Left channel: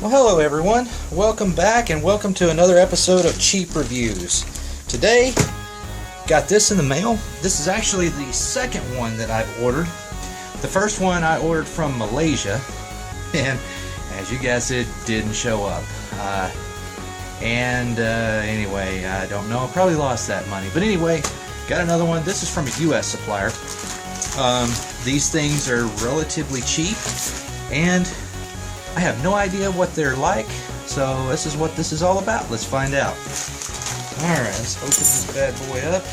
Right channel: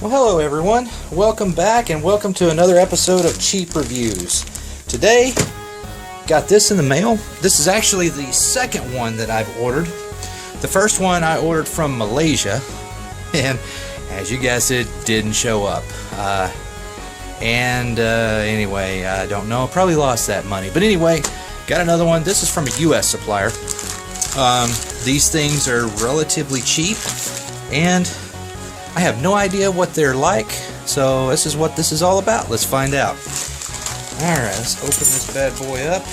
Well, hello everyone. Welcome back and welcome to another episode of Cheap Reviews. Today, got this in the mail. This is actually the second one that I've ordered. The first one I ordered from Malaysia, and as you guessed, it didn't show up. Anyway, I don't know. Probably lost that money. But anyway, got another one. This is from a U.S. supplier. These things are relatively cheap, and I have no idea what they're like, so this is what this is all about. Let's find out. Alright, let's open this bad boy up.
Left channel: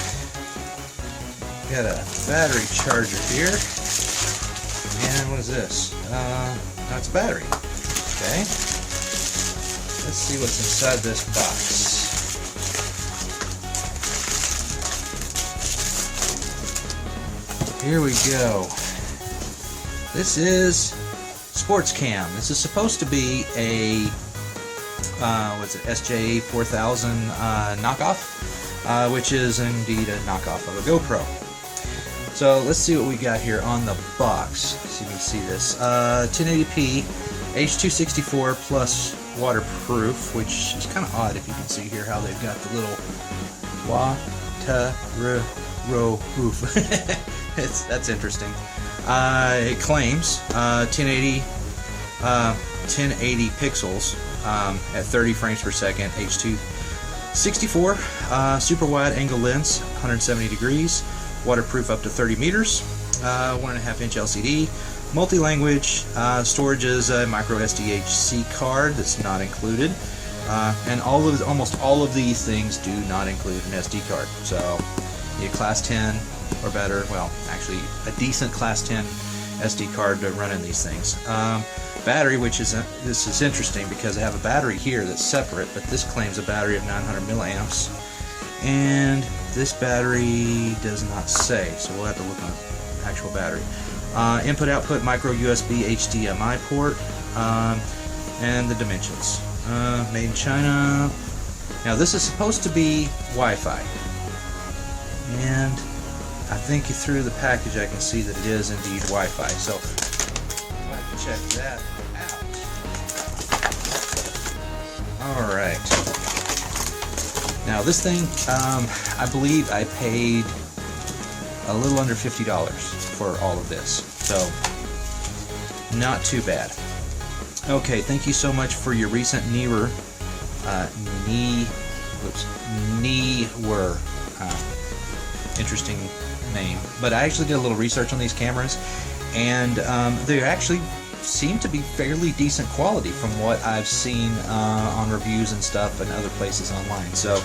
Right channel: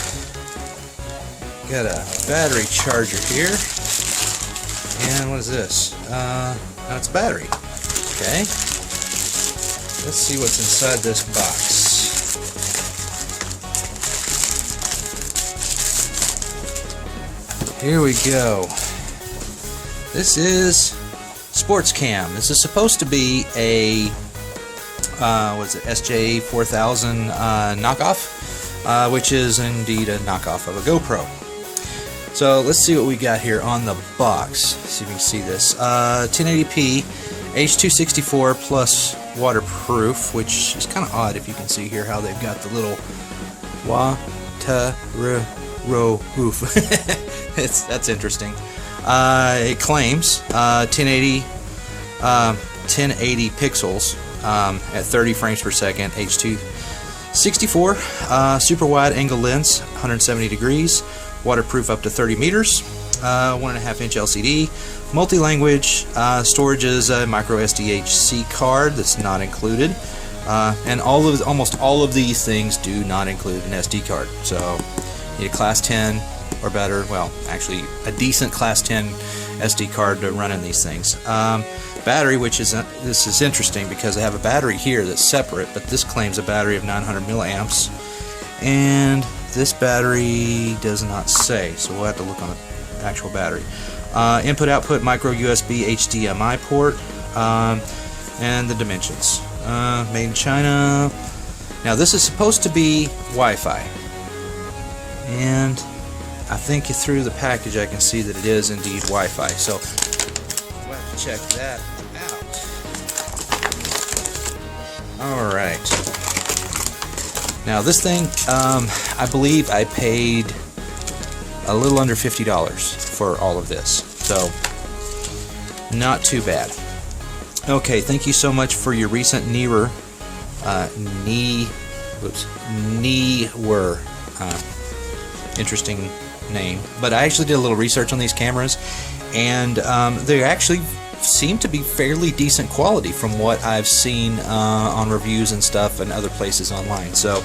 Got a battery charger here. And what is this? That's a battery. Okay. Let's see what's inside this box. Here we go. This is Sports Cam. This is supposed to be a SJ4000 knockoff, which is indeed a knockoff of a GoPro. So let's see what we got here on the box. See if you can see this. 1080p, H.264 plus waterproof, which is kind of odd if you can see here how they've got the little waterproof. That's interesting. It claims 1080 pixels at 30 frames per second, H.264, super wide angle lens, 170 degrees, waterproof up to 30 meters, 1.5-inch LCD, multi-language, storage is a micro SDHC card that's not included, and almost all of these things do not include an SD card. So you need a class 10 or better, well, actually a decent class 10 SD card to run in these things. Battery, which is this is interesting because they have a battery here that's separate, but this claims a battery of 900 milliamps, and this battery does not say, so we'll have to look on the actual battery. Input output micro USB HDMI port, and the dimensions. Made in China. Now this is supposed to be Wi-Fi, and I think through the package I can see that it is indeed Wi-Fi, so we'll have to check that out. Alright. Now this thing, I believe I paid a little under $50 for all of this, so not too bad. Okay, thank you so much for your recent Neewer interesting name, but I actually did a little research on these cameras, and they actually seem to be fairly decent quality from what I've seen on reviews and stuff and other places online. So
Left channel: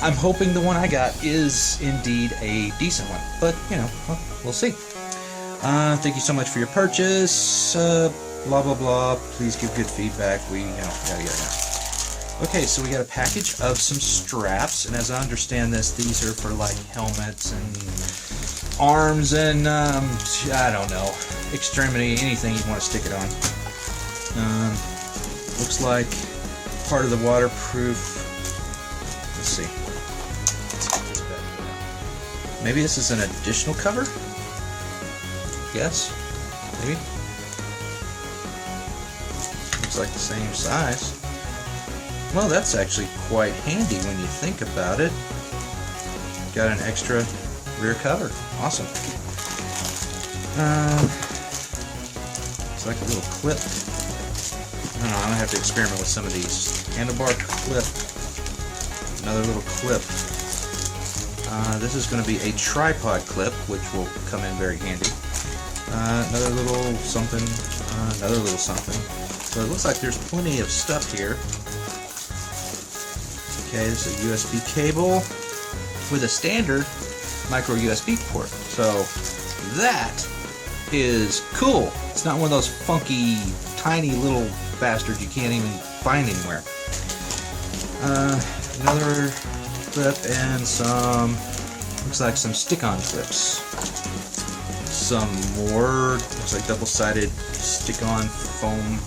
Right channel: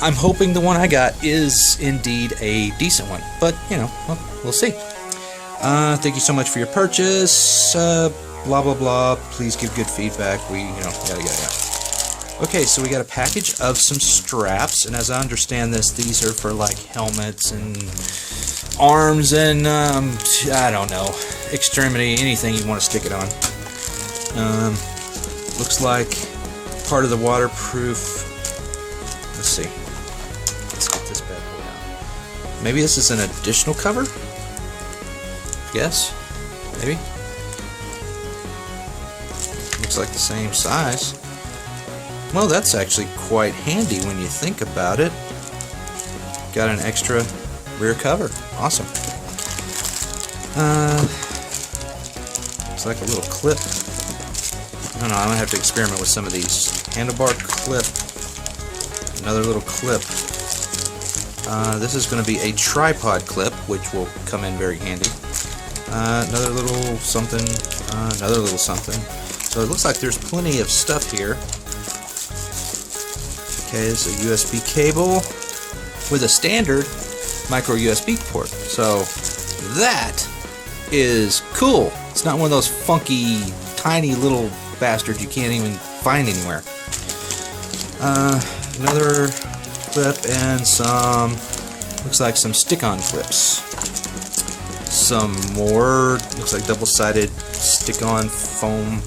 I'm hoping the one I got is indeed a decent one, but you know, well, we'll see. Thank you so much for your purchase. Blah blah blah. Please give good feedback. We, you know, yada yada. Okay, so we got a package of some straps, and as I understand this, these are for like helmets and arms and I don't know, extremity, anything you want to stick it on. Looks like part of the waterproof. Let's see. Let's get this back. Maybe this is an additional cover? Yes? Maybe? Looks like the same size. Well, that's actually quite handy when you think about it. Got an extra rear cover. Awesome. Looks like a little clip. I don't know, I'm going to have to experiment with some of these. Handlebar clip. Another little clip. This is going to be a tripod clip, which will come in very handy. Another little something. Another little something. So it looks like there's plenty of stuff here. Okay, this is a USB cable with a standard micro USB port. So that is cool. It's not one of those funky, tiny little bastards you can't even find anywhere. Another clip and some, looks like some stick-on clips. Some more, looks like double-sided stick-on foam,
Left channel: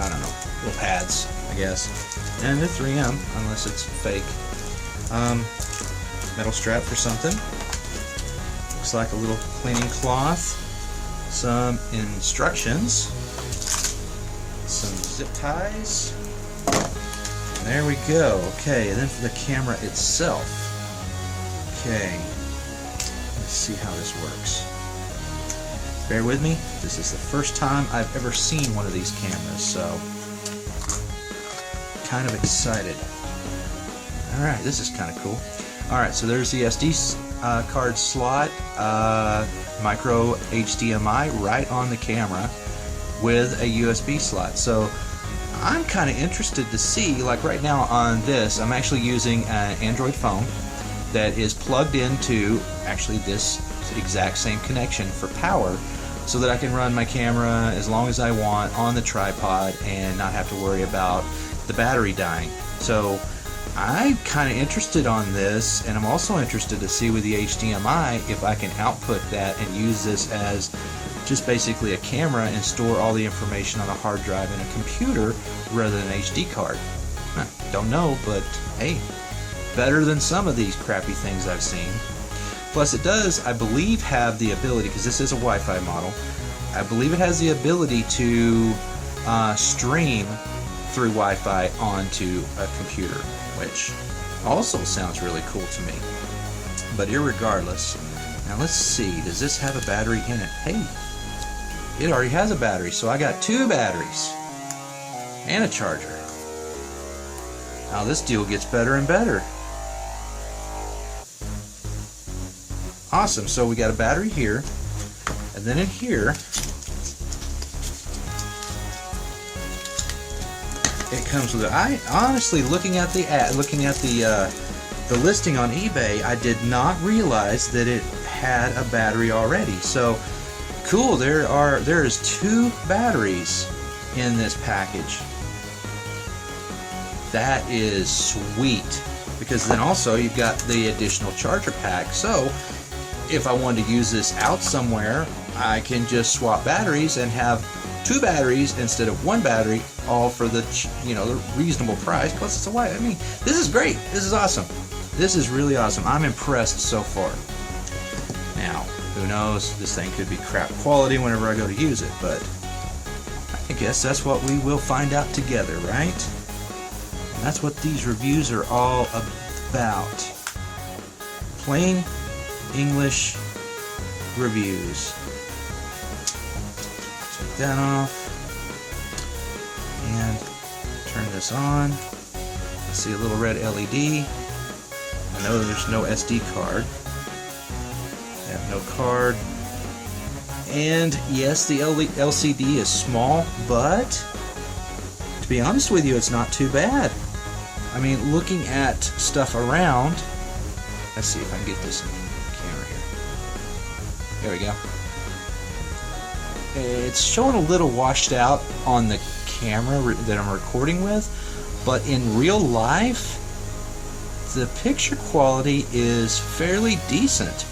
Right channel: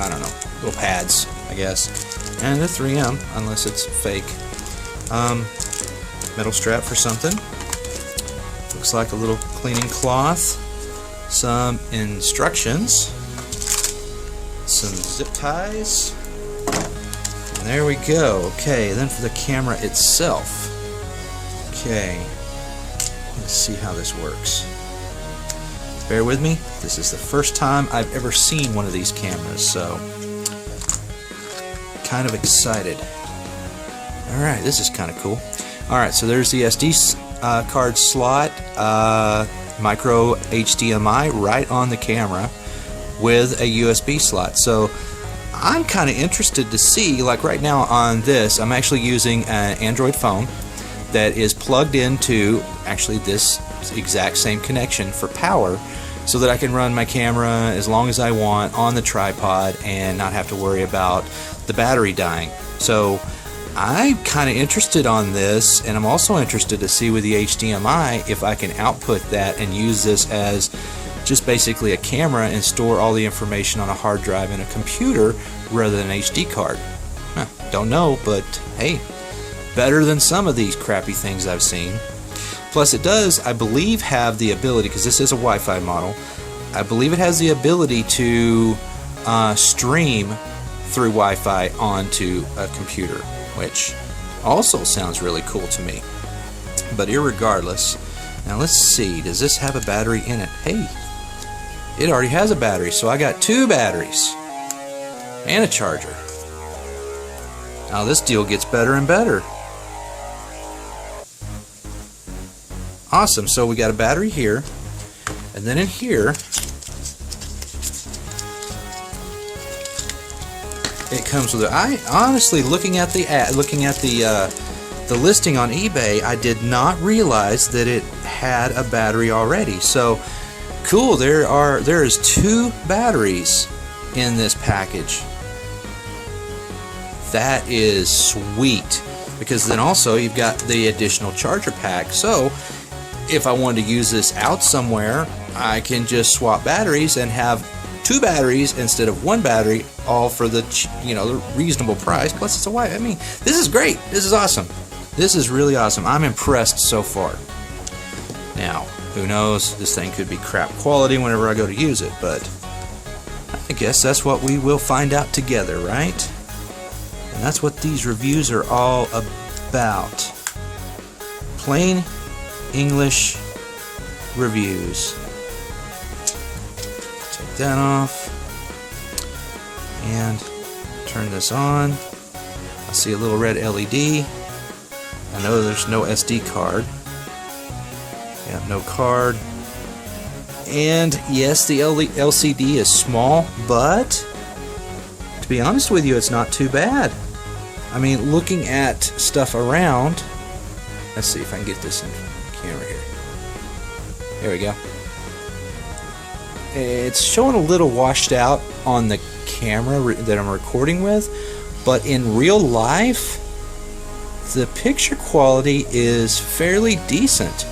I don't know, little pads, I guess. And the 3M, unless it's fake. Metal strap for something. Looks like a little cleaning cloth. Some instructions. some zip ties. And there we go. Okay, then for the camera itself. Okay, let's see how this works. Bear with me. This is the first time I've ever seen one of these cameras, so kind of excited. Alright, this is kind of cool. Alright, so there's the SD card slot, micro HDMI right on the camera with a USB slot. So I'm kind of interested to see, like right now on this, I'm actually using an Android phone that is plugged into actually this exact same connection for power, so that I can run my camera as long as I want on the tripod and not have to worry about the battery dying. So I'm kind of interested on this, and I'm also interested to see with the HDMI if I can output that and use this as just basically a camera and store all the information on a hard drive in a computer rather than an HD card. Don't know, but hey, better than some of these crappy things I've seen. Plus it does, I believe, have the ability, because this is a Wi-Fi model, I believe it has the ability to stream through Wi-Fi onto a computer, which also sounds really cool to me. But irregardless, now let's see, does this have a battery in it? Hey, it already has a battery, so I got 2 batteries and a charger. Now this deal gets better and better. Awesome, so we got a battery here, and then in here it comes with I honestly, looking at the ad, looking at the listing on eBay, I did not realize that it had a battery already. So cool, there is 2 batteries in this package. That is sweet, because then also you've got the additional charger pack. So if I wanted to use this out somewhere, I can just swap batteries and have 2 batteries instead of 1 battery, all for the, the reasonable price. Plus it's a Wi-Fi. I mean, this is great. This is awesome. This is really awesome. I'm impressed so far. Now, who knows? This thing could be crap quality whenever I go to use it, but I guess that's what we will find out together, right? And that's what these reviews are all about. Plain English reviews. Take that off and turn this on. I see a little red LED. I know there's no SD card. Yeah, no card. And yes, the LCD is small, but to be honest with you, it's not too bad. I mean, looking at stuff around, let's see if I can get this in the camera here. There we go. It's showing a little washed out on the camera that I'm recording with, but in real life, the picture quality is fairly decent.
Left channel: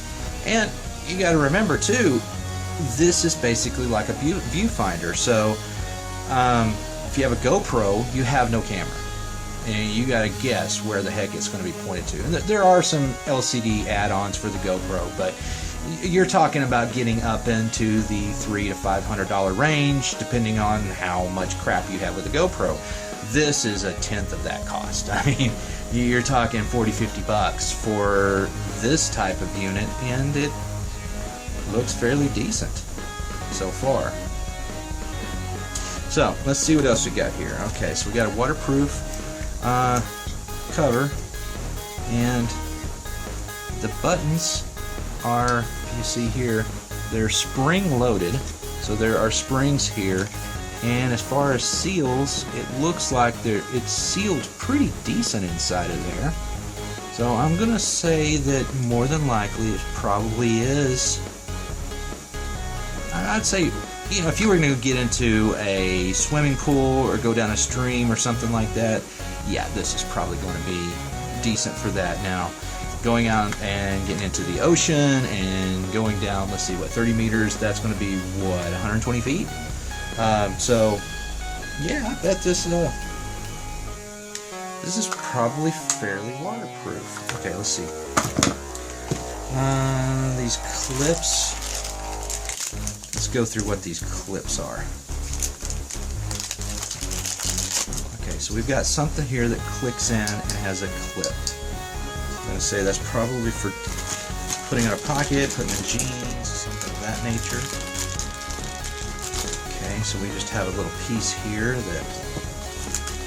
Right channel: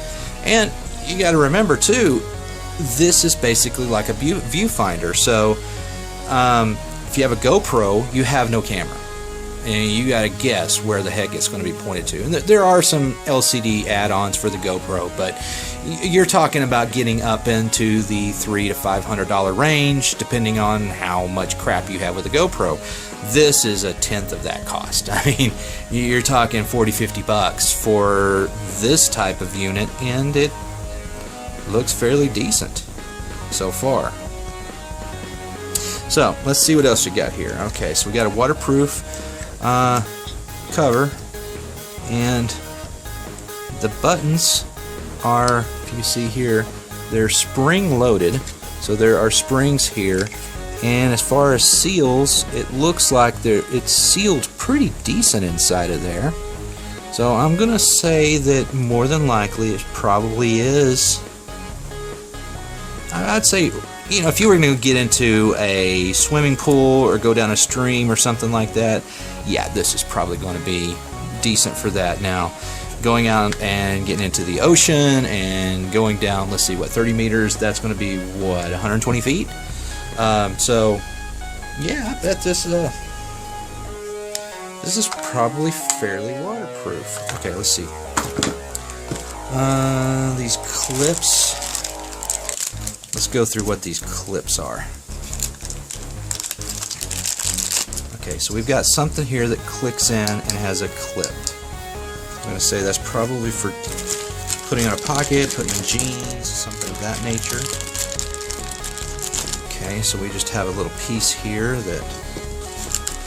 And you got to remember too, this is basically like a viewfinder. So if you have a GoPro, you have no camera, and you got to guess where the heck it's going to be pointed to. And there are some LCD add-ons for the GoPro, but you're talking about getting up into the $300 to $500 range, depending on how much crap you have with the GoPro. This is a tenth of that cost. I mean, you're talking $40-50 for this type of unit, and it looks fairly decent so far. So let's see what else we got here. Okay, so we got a waterproof cover, and the buttons are, if you see here, they're spring loaded, so there are springs here. And as far as seals, it looks like it's sealed pretty decent inside of there. So I'm gonna say that more than likely it probably is. I'd say, if you were going to get into a swimming pool or go down a stream or something like that, yeah, this is probably going to be decent for that. Now, going out and getting into the ocean and going down, let's see, 30 meters, that's going to be, 120 feet? So, yeah, this is probably fairly waterproof. Okay, let's see. These clips. Let's go through what these clips are. Okay, so we've got something here that clicks in and has a clip. I'm going to say that's probably for putting in a pocket, putting in jeans, something of that nature. Okay, so we just have a little piece here that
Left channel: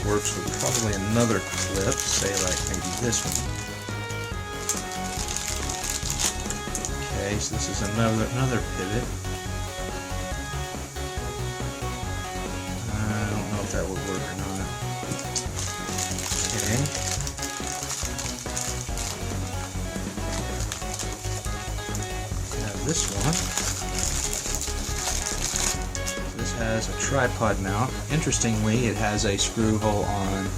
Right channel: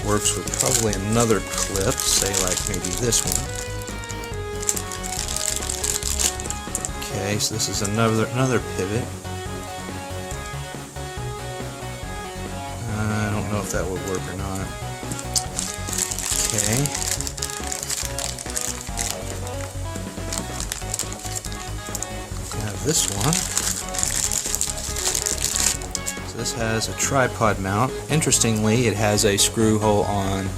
works with probably another clip, say like maybe this one. Okay, so this is another pivot. I don't know if that will work or not. Okay. Have this one. So this has a tripod mount. Interestingly, it has a screw hole on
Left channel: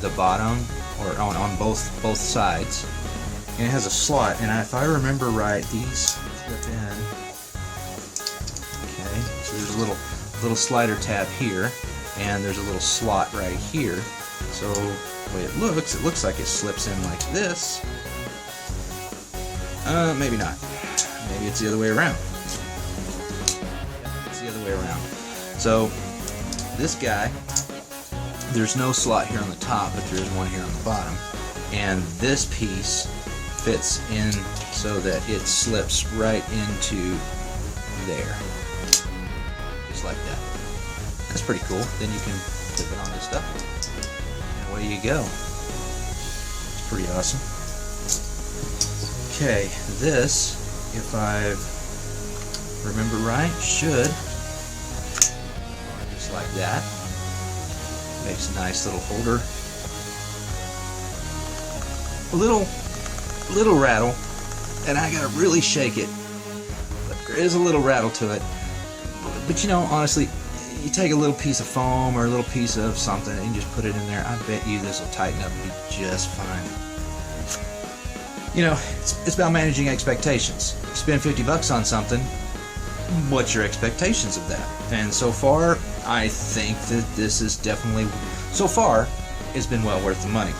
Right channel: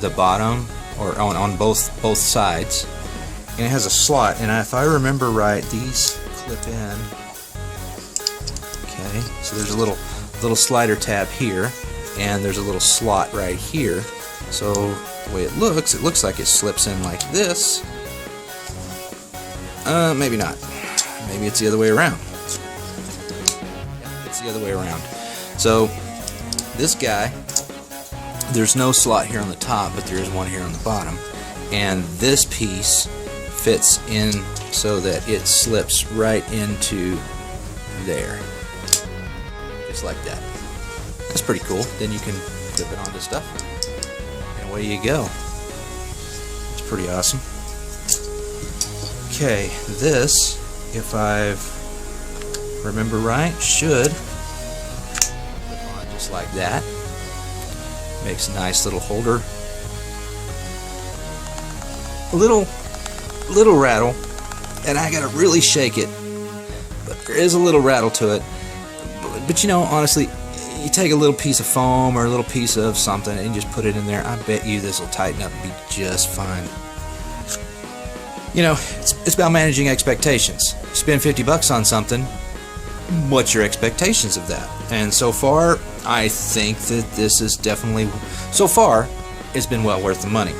the bottom, or on both sides. And it has a slot, and if I remember right, these clip in. Okay, so there's a little slider tab here, and there's a little slot right here. So the way it looks like it slips in like this. Maybe not. Maybe it's the other way around. Yeah, it's the other way around. So this guy, there's no slot here on the top, but there is one here on the bottom, and this piece fits in so that it slips right into there, just like that. That's pretty cool. Then you can clip it onto stuff, and away you go. It's pretty awesome. Okay, this, if I remember right, should just like that. Makes a nice little holder. A little rattle, and I gotta really shake it, but there is a little rattle to it. But you know, honestly, you take a little piece of foam or a little piece of something and just put it in there, I bet you this will tighten up and be just fine. You know, it's about managing expectations. You spend $50 on something, what's your expectations of that? And so far, I think that this is definitely, so far, it's been well worth the money.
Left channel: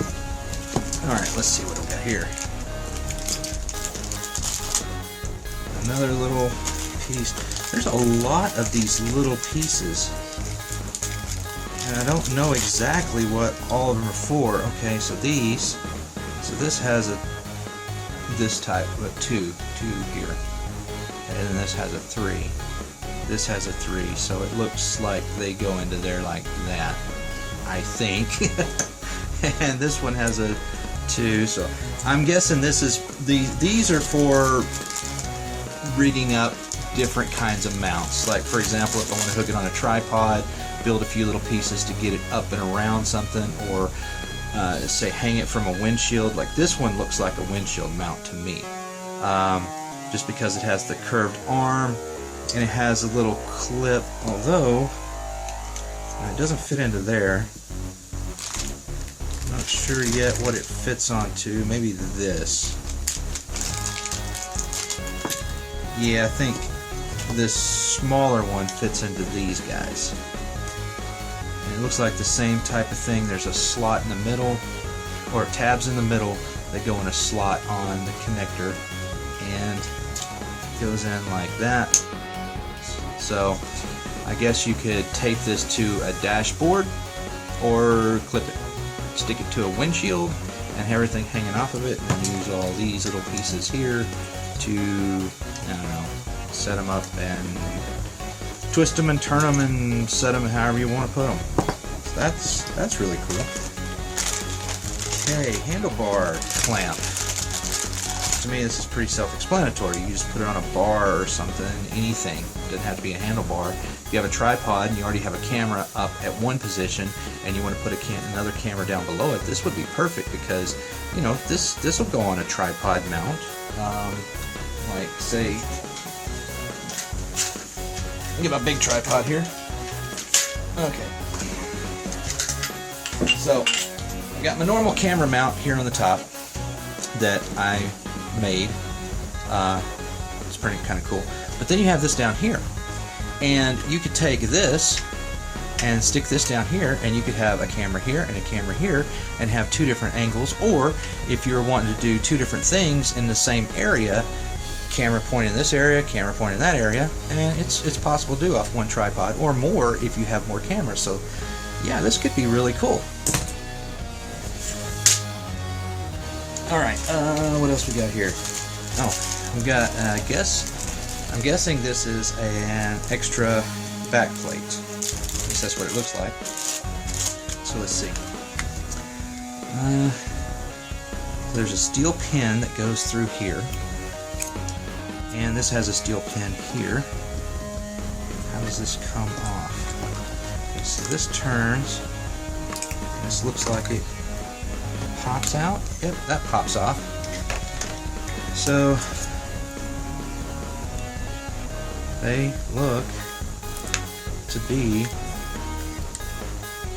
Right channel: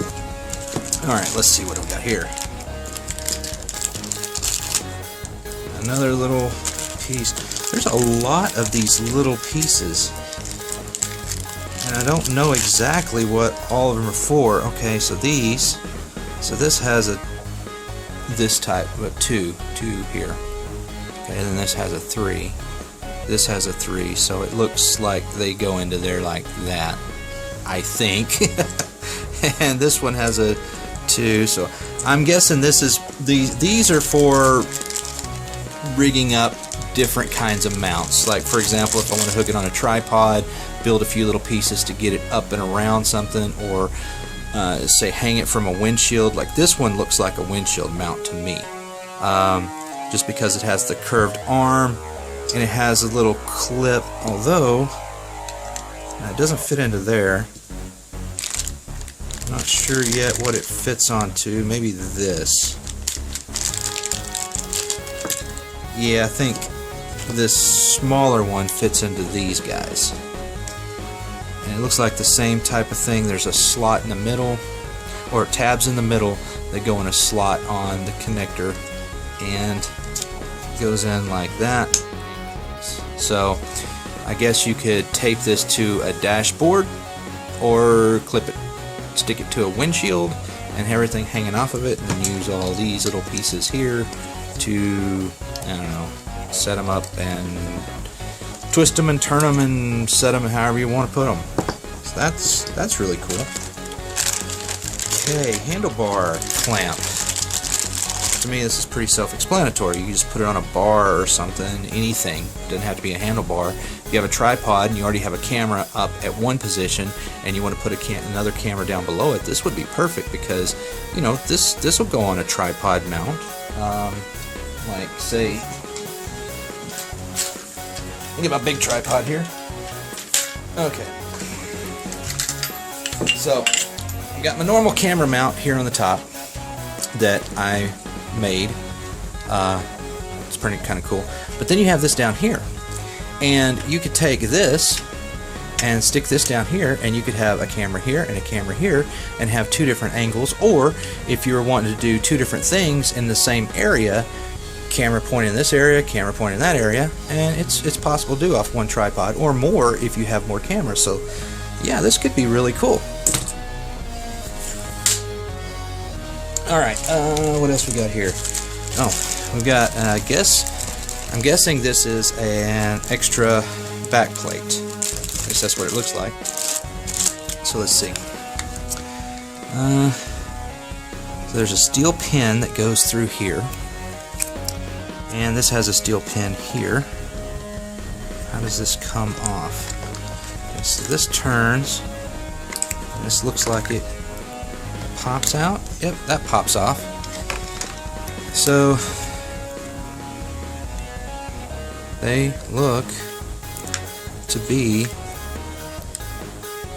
Alright, let's see what I've got here. Another little piece. There's a lot of these little pieces, and I don't know exactly what all of them are for. Okay, so this has this type of two here. Okay, and then this has a 3. This has a 3, so it looks like they go into there like that, I think. And this one has a 2, so I'm guessing these are for rigging up different kinds of mounts. Like, for example, if I want to hook it on a tripod, build a few little pieces to get it up and around something, or say hang it from a windshield. Like this one looks like a windshield mount to me, just because it has the curved arm and it has a little clip, although it doesn't fit into there. Not sure yet what it fits onto. Maybe this. Yeah, I think this smaller one fits into these guys. And it looks like the same type of thing. There's a slot in the middle, or tabs in the middle that go in a slot on the connector, and it goes in like that. So I guess you could tape this to a dashboard or clip it, stick it to a windshield and have everything hanging off of it, and use all these little pieces here to, I don't know, set them up and twist them and turn them and set them however you want to put them. So that's really cool. Okay, handlebar clamp. To me, this is pretty self-explanatory. You just put it on a bar or something, anything. It doesn't have to be a handlebar. If you have a tripod and you already have a camera up at one position and you want to put another camera down below it, this would be perfect, because, you know, this will go on a tripod mount. Like, say, look at my big tripod here. Okay. So, I got my normal camera mount here on the top that I made. It's pretty kind of cool. But then you have this down here, and you could take this and stick this down here, and you could have a camera here and a camera here, and have two different angles. Or if you were wanting to do two different things in the same area, camera point in this area, camera point in that area, and it's possible to do off one tripod, or more if you have more cameras. So, yeah, this could be really cool. Alright, what else we got here? Oh, we got, I'm guessing this is an extra back plate. At least that's what it looks like. So let's see. So there's a steel pin that goes through here. And this has a steel pin here. How does this come off? Okay, so this turns. This looks like it pops out. Yep, that pops off. So they look to be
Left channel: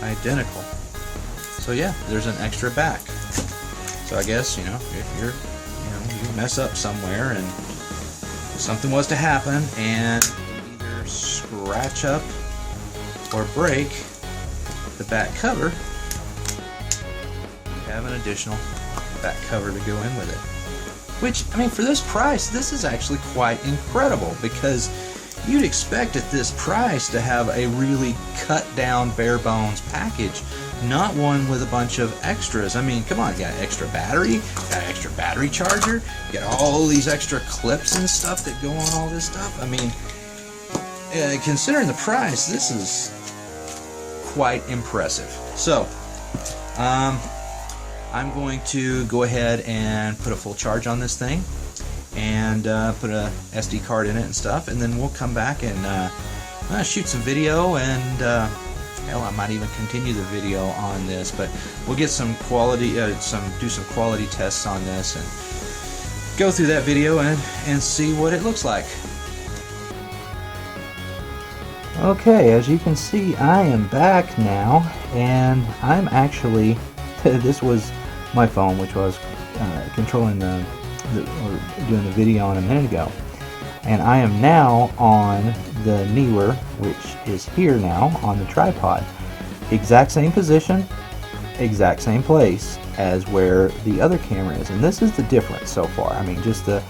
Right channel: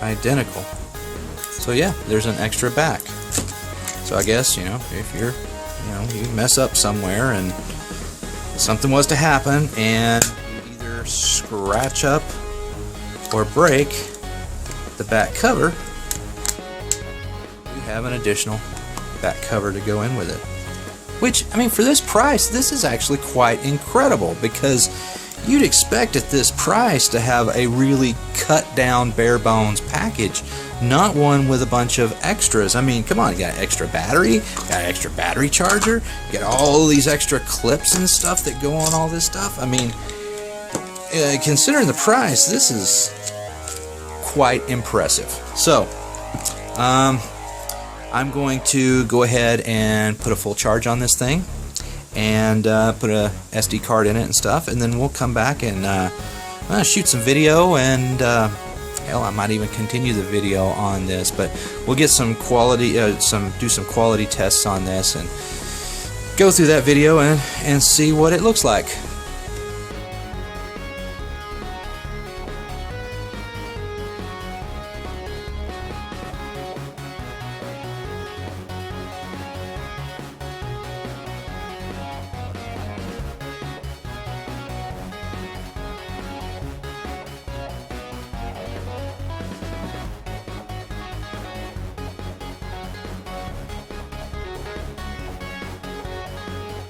identical. So yeah, there's an extra back. So I guess, you know, if you're, you mess up somewhere and something was to happen and you either scratch up or break the back cover, you have an additional back cover to go in with it. Which, I mean, for this price, this is actually quite incredible, because you'd expect at this price to have a really cut down bare bones package, not one with a bunch of extras. I mean, come on, you got extra battery, you got an extra battery charger, you got all these extra clips and stuff that go on all this stuff. I mean, considering the price, this is quite impressive. So, I'm going to go ahead and put a full charge on this thing and put a SD card in it and stuff, and then we'll come back and shoot some video, and hell, I might even continue the video on this, but we'll get some quality, do some quality tests on this and go through that video and see what it looks like. Okay, as you can see, I am back now, and I'm actually, this was my phone, which was controlling doing the video on a minute ago, and I am now on the Neewer, which is here now on the tripod. Exact same position, exact same place as where the other camera is, and this is the difference so far. I mean, just the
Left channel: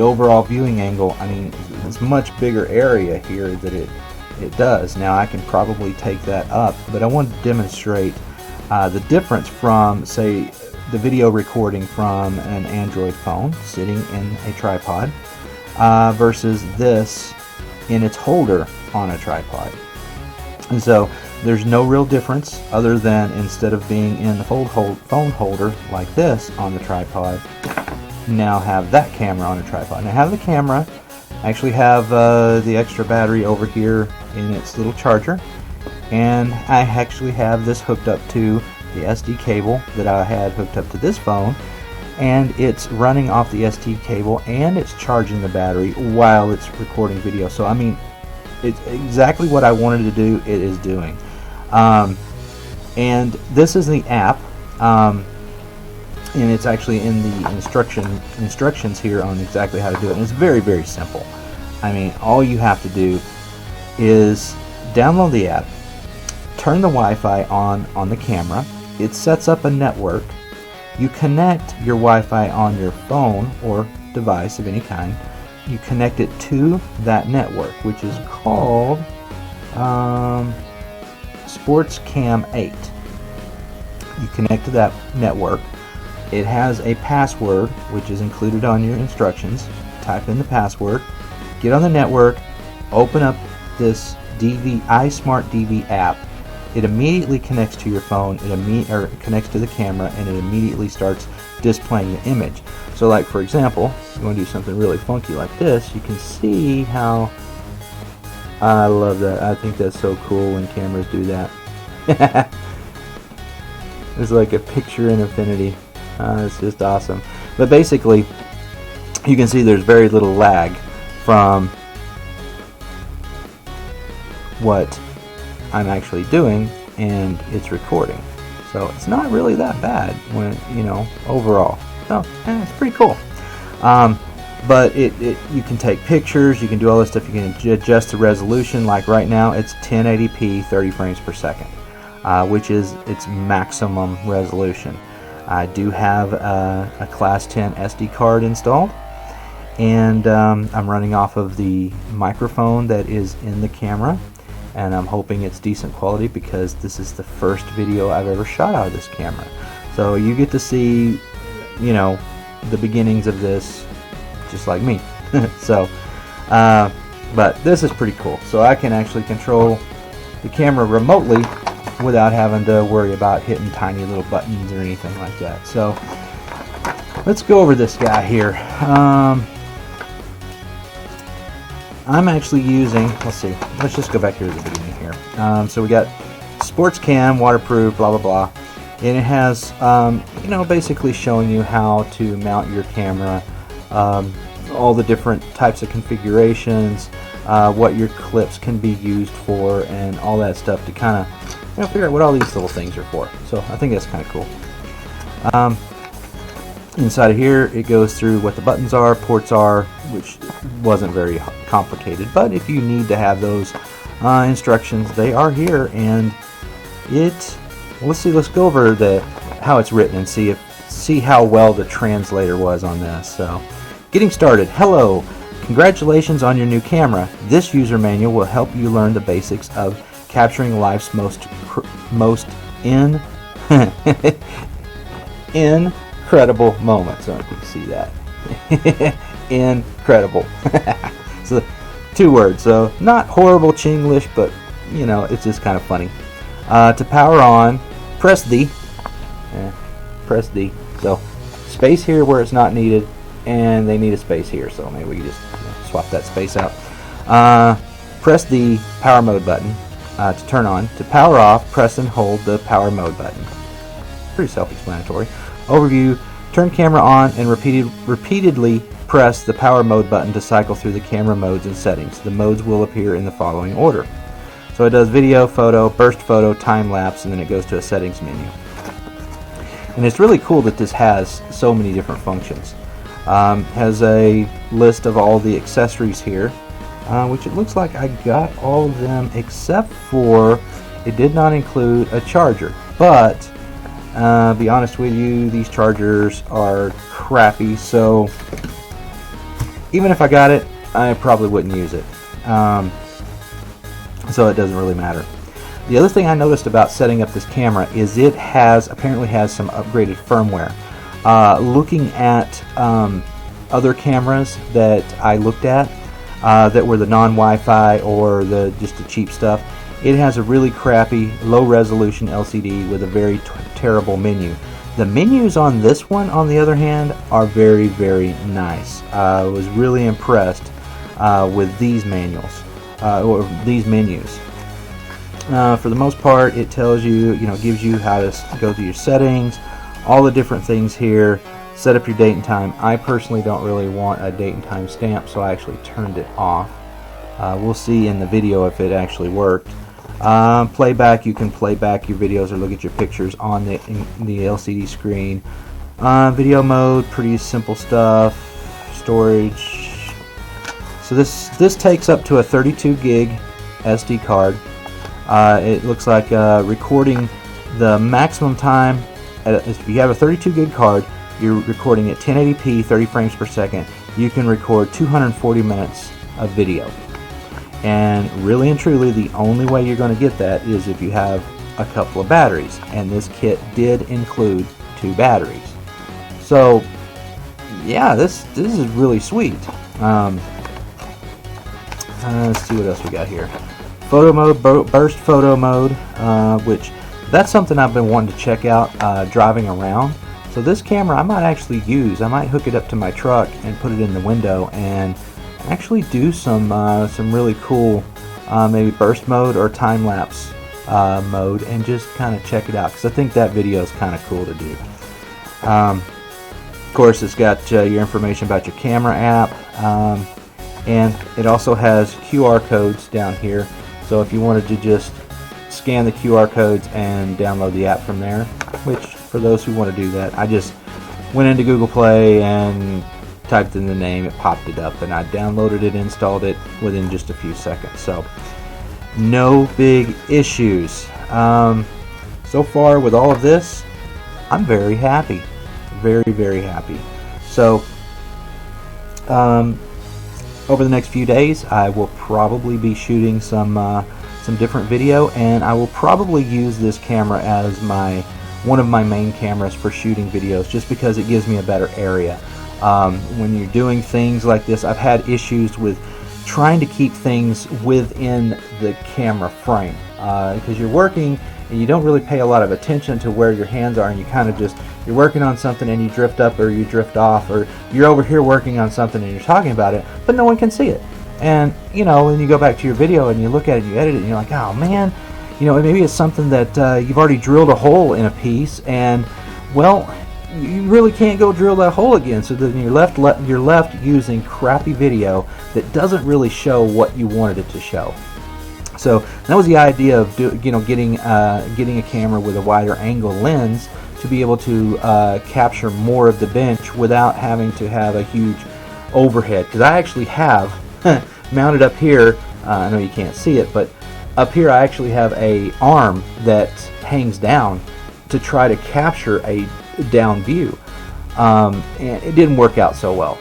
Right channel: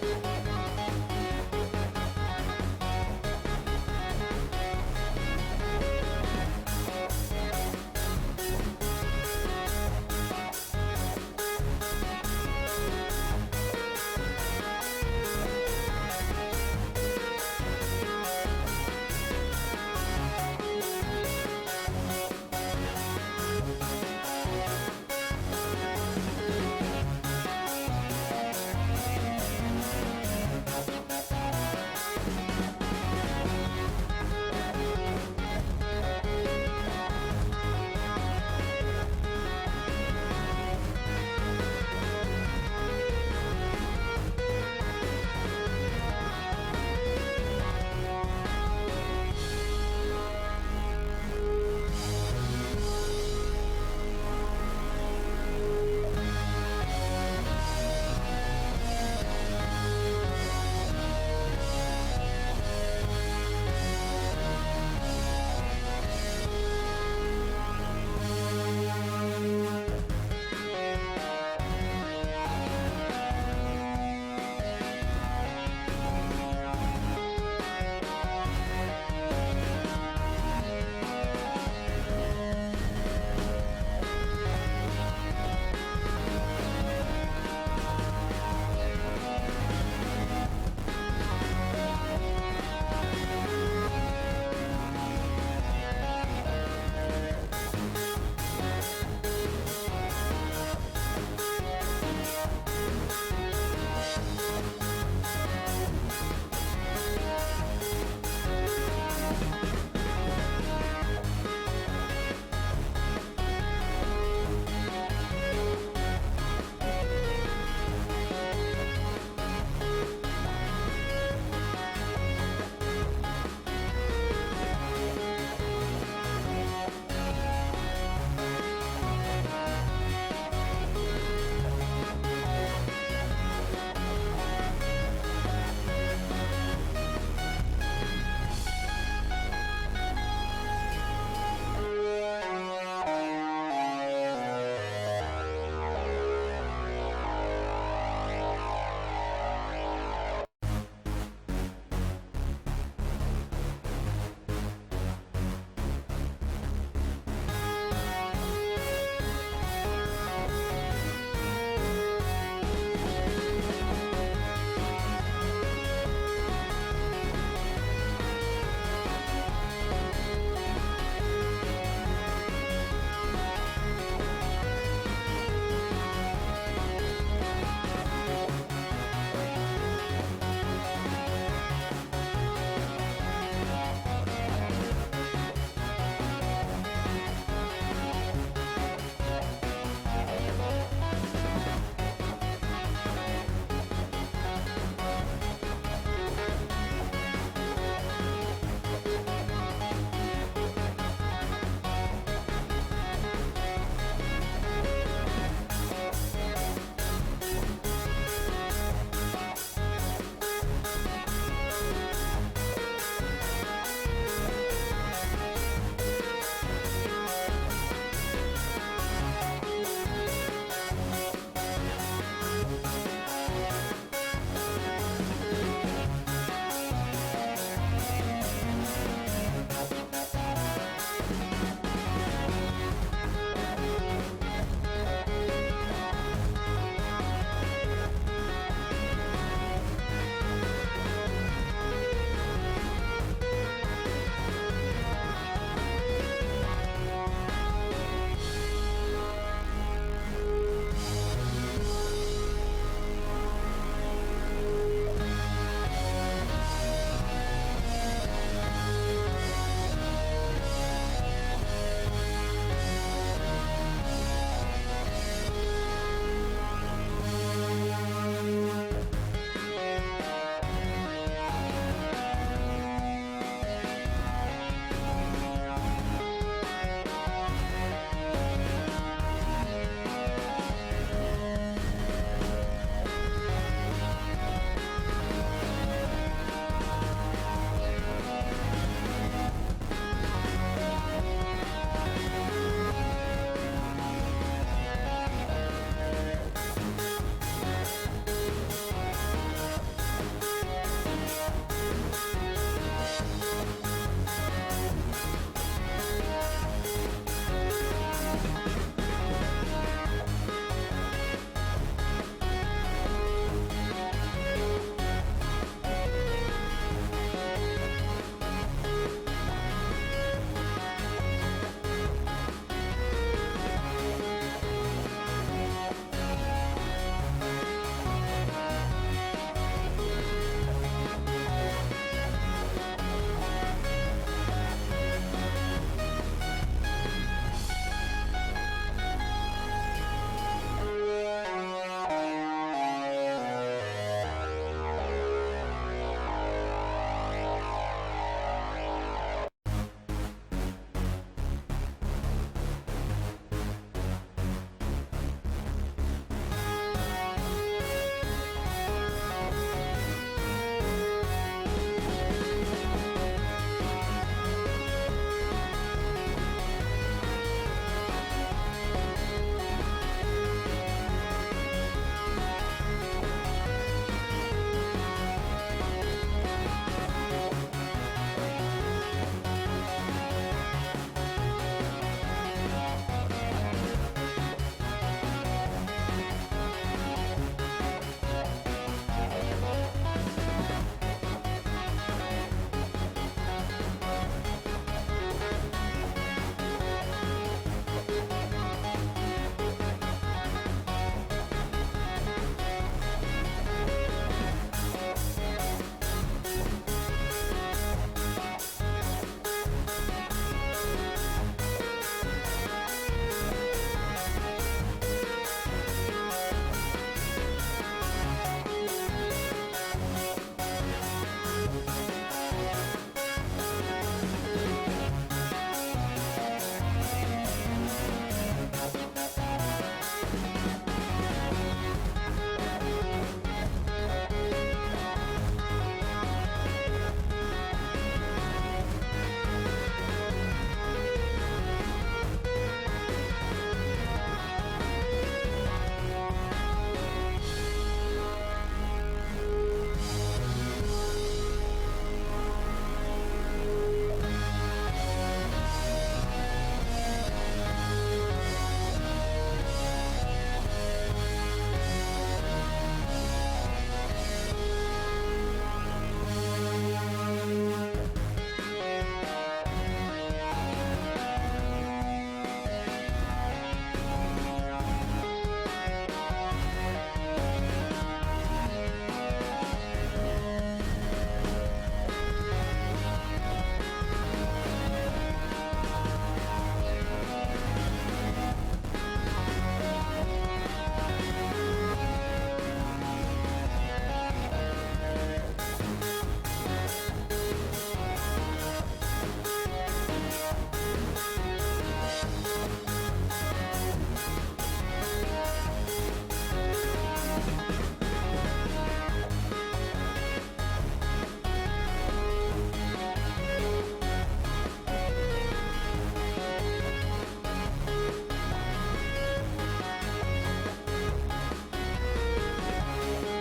overall viewing angle. I mean, it's a much bigger area here that it does. Now I can probably take that up, but I want to demonstrate the difference from, say, the video recording from an Android phone sitting in a tripod versus this in its holder on a tripod. And so there's no real difference, other than instead of being in the phone holder like this on the tripod, you now have that camera on a tripod. Now have the camera, actually have the extra battery over here in its little charger, and I actually have this hooked up to the SD cable that I had hooked up to this phone, and it's running off the SD cable and it's charging the battery while it's recording video. So I mean, it's exactly what I wanted to do, it is doing. And this is the app, and it's actually in the instructions here on exactly how to do it, and it's very, very simple. I mean, all you have to do is download the app, turn the Wi-Fi on the camera, it sets up a network, you connect your Wi-Fi on your phone or device of any kind, you connect it to that network, which is called Sports Cam 8. You connect to that network. It has a password which is included on your instructions. Type in the password, get on the network, open up this iSmart DV app. It immediately connects to your phone, or connects to the camera, and it immediately starts displaying the image. So like, for example, if you want to do something really funky like this, you can see how, I love that. I think that's so cool when cameras do that. It's like a picture in infinity. It's just awesome. But basically, you can see there's very little lag from what I'm actually doing, and it's recording. So it's not really that bad when, overall. So it's pretty cool. But you can take pictures, you can do all this stuff, you can adjust the resolution. Like right now it's 1080p 30 frames per second, which is its maximum resolution. I do have a class 10 SD card installed, and I'm running off of the microphone that is in the camera, and I'm hoping it's decent quality because this is the first video I've ever shot out of this camera. So you get to see, you know, the beginnings of this just like me. So but this is pretty cool, so I can actually control the camera remotely without having to worry about hitting tiny little buttons or anything like that. So let's go over this guy here. I'm actually using, let's see, let's just go back here to the beginning here. So we got Sports Cam, waterproof, blah blah blah, and it has you know, basically showing you how to mount your camera, all the different types of configurations, what your clips can be used for, and all that stuff to kind of, you know, figure out what all these little things are for. So I think that's kind of cool. Inside of here, it goes through what the buttons are, ports are, which wasn't very complicated, but if you need to have those instructions, they are here. And let's go over how it's written and see how well the translator was on this. So, getting started. Hello, congratulations on your new camera. This user manual will help you learn the basics of capturing life's most incredible moments. I can see that. Incredible. So 2 words. So not horrible Chinglish, but you know, it's just kind of funny. To power on, press D. Press D. So space here where it's not needed, and they need a space here. So maybe we just swap that space out. Press the power mode button to turn on. To power off, press and hold the power mode button. Pretty self-explanatory. Overview, turn camera on and repeatedly press the power mode button to cycle through the camera modes and settings. The modes will appear in the following order. So it does video, photo, burst photo, time lapse, and then it goes to a settings menu. And it's really cool that this has so many different functions. Has a list of all the accessories here, which it looks like I got all of them except for it did not include a charger. But be honest with you, these chargers are crappy, so even if I got it, I probably wouldn't use it. So it doesn't really matter. The other thing I noticed about setting up this camera is it apparently has some upgraded firmware. Looking at other cameras that I looked at that were the non-Wi-Fi or just the cheap stuff, it has a really crappy low-resolution LCD with a very terrible menu. The menus on this one, on the other hand, are very, very nice. I was really impressed with these manuals, or these menus. For the most part, it tells you, gives you how to go through your settings, all the different things here, set up your date and time. I personally don't really want a date and time stamp, so I actually turned it off. We'll see in the video if it actually worked. Playback, you can play back your videos or look at your pictures on the LCD screen. Video mode, pretty simple stuff. Storage. So this takes up to a 32 gig SD card. It looks like recording the maximum time. If you have a 32 gig card, you're recording at 1080p, 30 frames per second. You can record 240 minutes of video. And really and truly, the only way you're going to get that is if you have a couple of batteries. And this kit did include 2 batteries. So, yeah, this is really sweet. Let's see what else we got here. Photo mode, burst photo mode, which that's something I've been wanting to check out driving around. So this camera I might actually use. I might hook it up to my truck and put it in the window and actually do some really cool maybe burst mode or time lapse mode and just kind of check it out, because I think that video is kind of cool to do. Of course, it's got your information about your camera app, and it also has QR codes down here. So if you wanted to just scan the QR codes and download the app from there, which for those who want to do that, I just went into Google Play and typed in the name, it popped it up, and I downloaded it, installed it within just a few seconds. So no big issues. So far with all of this, I'm very happy, very, very happy. So over the next few days, I will probably be shooting some some different video, and I will probably use this camera as one of my main cameras for shooting videos, just because it gives me a better area. When you're doing things like this, I've had issues with trying to keep things within the camera frame, because you're working and you don't really pay a lot of attention to where your hands are, and you kind of just, you're working on something and you drift up or you drift off, or you're over here working on something and you're talking about it, but no one can see it. And you know, when you go back to your video and you look at it and you edit it and you're like, oh man, you know, maybe it's something that you've already drilled a hole in a piece, and well, you really can't go drill that hole again, so then you're left using crappy video that doesn't really show what you wanted it to show. So that was the idea of getting a camera with a wider angle lens to be able to capture more of the bench without having to have a huge overhead. Because I actually have mounted up here, I know you can't see it, but up here I actually have a arm that hangs down to try to capture a down view, and it didn't work out so well.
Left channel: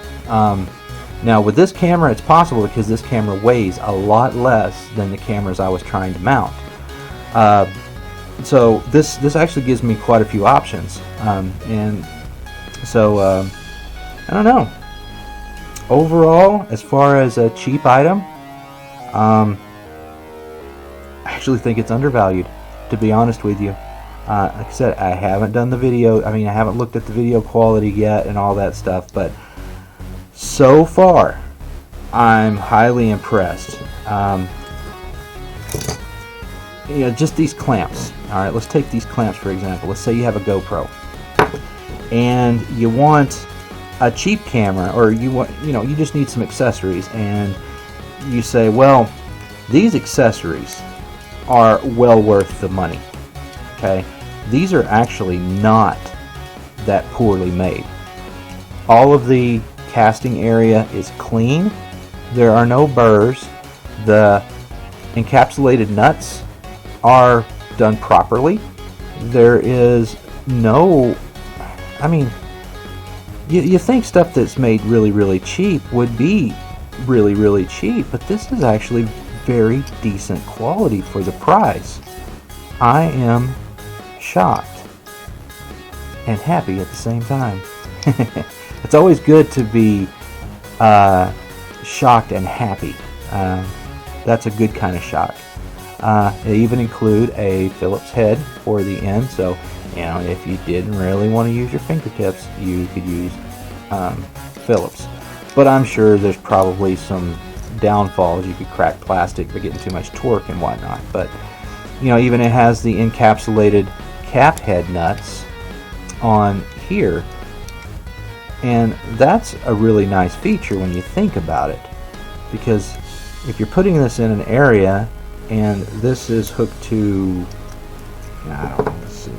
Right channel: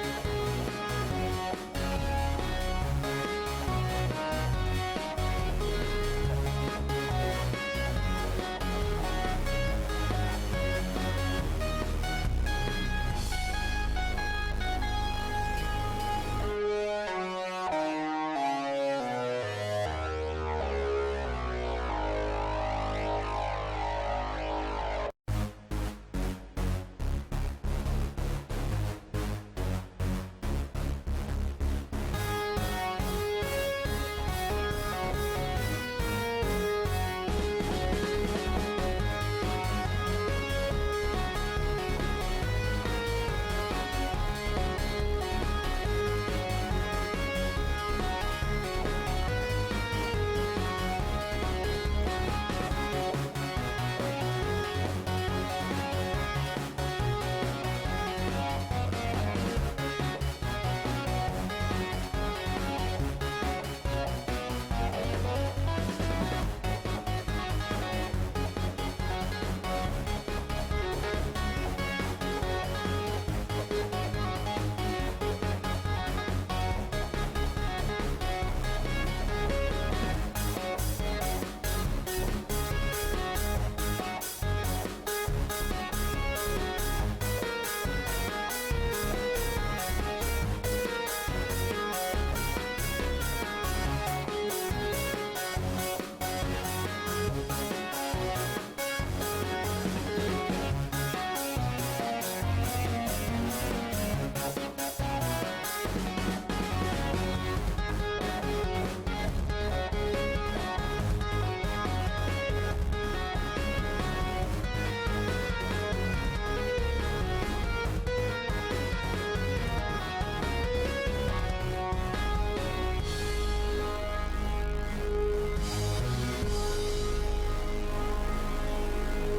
Now with this camera it's possible, because this camera weighs a lot less than the cameras I was trying to mount. So this actually gives me quite a few options, and so I don't know. Overall, as far as a cheap item, I actually think it's undervalued, to be honest with you. Like I said, I haven't done the video, I haven't looked at the video quality yet and all that stuff, but so far I'm highly impressed. Just these clamps. Alright, let's take these clamps for example. Let's say you have a GoPro and you want a cheap camera, or you just need some accessories, and you say, well, these accessories are well worth the money. Okay, these are actually not that poorly made. All of the casting area is clean. There are no burrs. The encapsulated nuts are done properly. There is no, you think stuff that's made really, really cheap would be really, really cheap, but this is actually very decent quality for the price. I am shocked and happy at the same time. It's always good to be shocked and happy. That's a good kind of shock. They even include a Phillips head for the end, so if you didn't really want to use your fingertips, you could use Phillips. But I'm sure there's probably some downfalls. You could crack plastic by getting too much torque and whatnot. But even it has the encapsulated cap head nuts on here, and that's a really nice feature when you think about it, because if you're putting this in an area and this is hooked to, let's see,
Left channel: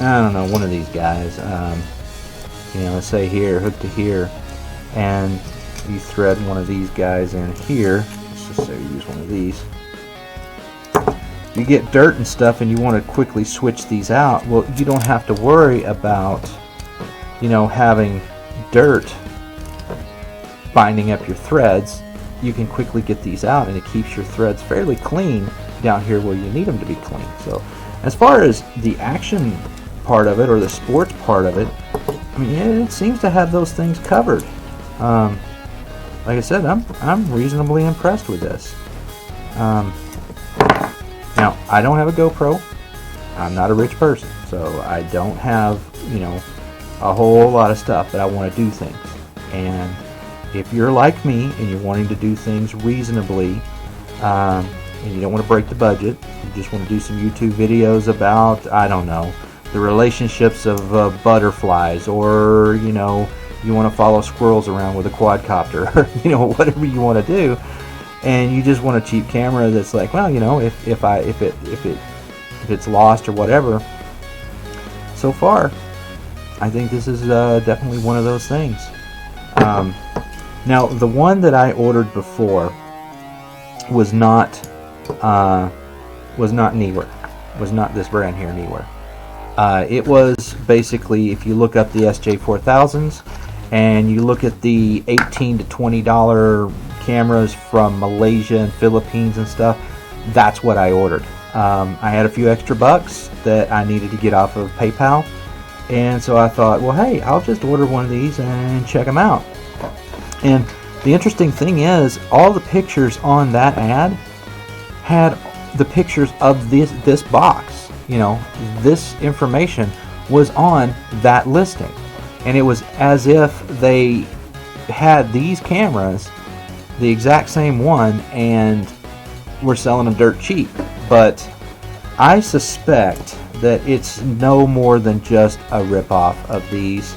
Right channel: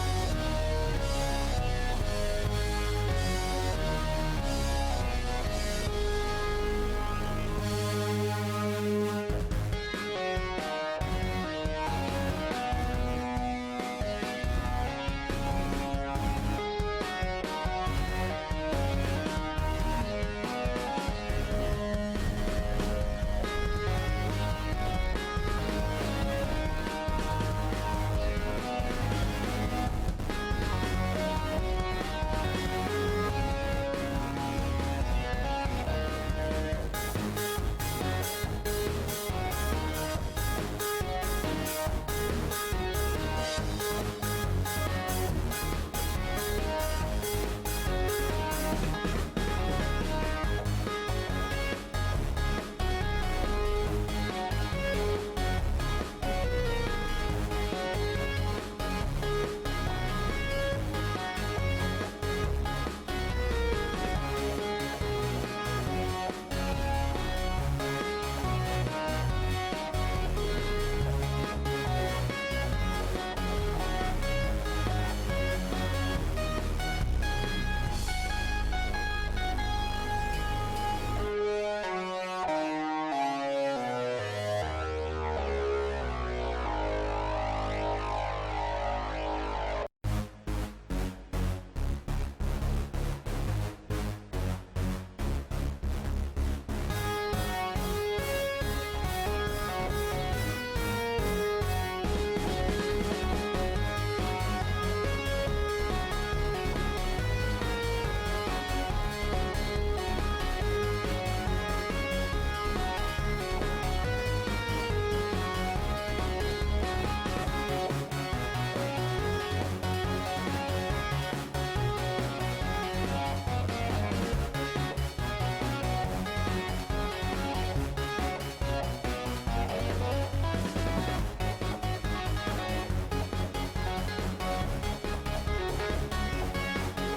I don't know, one of these guys, let's say here, hooked to here, and you thread one of these guys in here. Let's just say use one of these. You get dirt and stuff and you want to quickly switch these out. Well, you don't have to worry about having dirt binding up your threads. You can quickly get these out, and it keeps your threads fairly clean down here where you need them to be clean. So as far as the action part of it, or the sports part of it, it seems to have those things covered. Like I said, I'm reasonably impressed with this. Now, I don't have a GoPro. I'm not a rich person, so I don't have, a whole lot of stuff that I want to do things. And if you're like me and you're wanting to do things reasonably, and you don't want to break the budget, you just want to do some YouTube videos about, I don't know, the relationships of butterflies, or, you want to follow squirrels around with a quadcopter, or, whatever you want to do, and you just want a cheap camera that's like, well, if it's lost or whatever. So far, I think this is definitely one of those things. Now, the one that I ordered before was not Neewer. Was not this brand here, Neewer. It was basically, if you look up the SJ4000s, and you look at the $18 to $20 cameras from Malaysia and Philippines and stuff, that's what I ordered. I had a few extra bucks that I needed to get off of PayPal, and so I thought, well, hey, I'll just order one of these and check them out. And the interesting thing is, all the pictures on that ad had the pictures of this box. You know, this information was on that listing, and it was as if they had these cameras, the exact same one, and were selling them dirt cheap. But I suspect that it's no more than just a rip-off of these.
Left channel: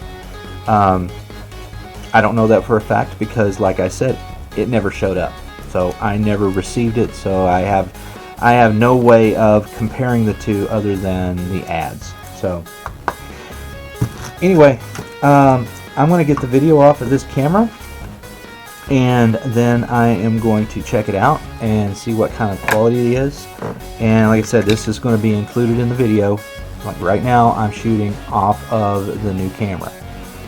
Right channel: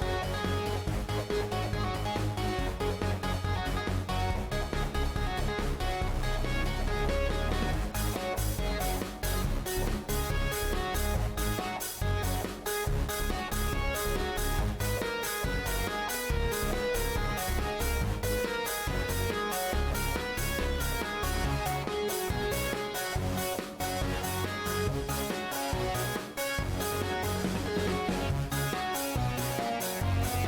I don't know that for a fact because, like I said, it never showed up, so I never received it, so I have no way of comparing the two other than the ads. So anyway, I'm going to get the video off of this camera, and then I am going to check it out and see what kind of quality it is. And like I said, this is going to be included in the video. Right now I'm shooting off of the new camera,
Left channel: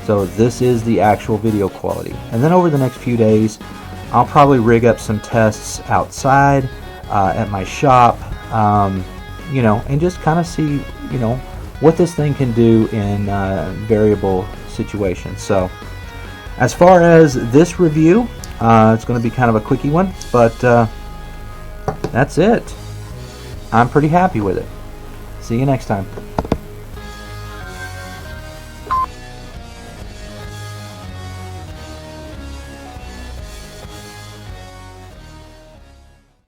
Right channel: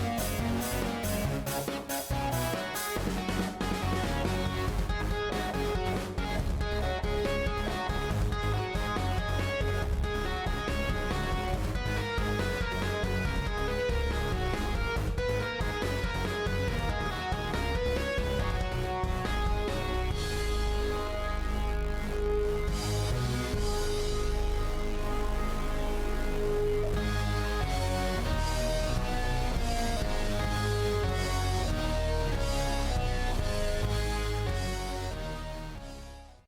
so this is the actual video quality. And then over the next few days, I'll probably rig up some tests outside at my shop, you know, and just kind of see, you know, what this thing can do in variable situations. So as far as this review, it's going to be kind of a quickie one, but that's it. I'm pretty happy with it. See you next time.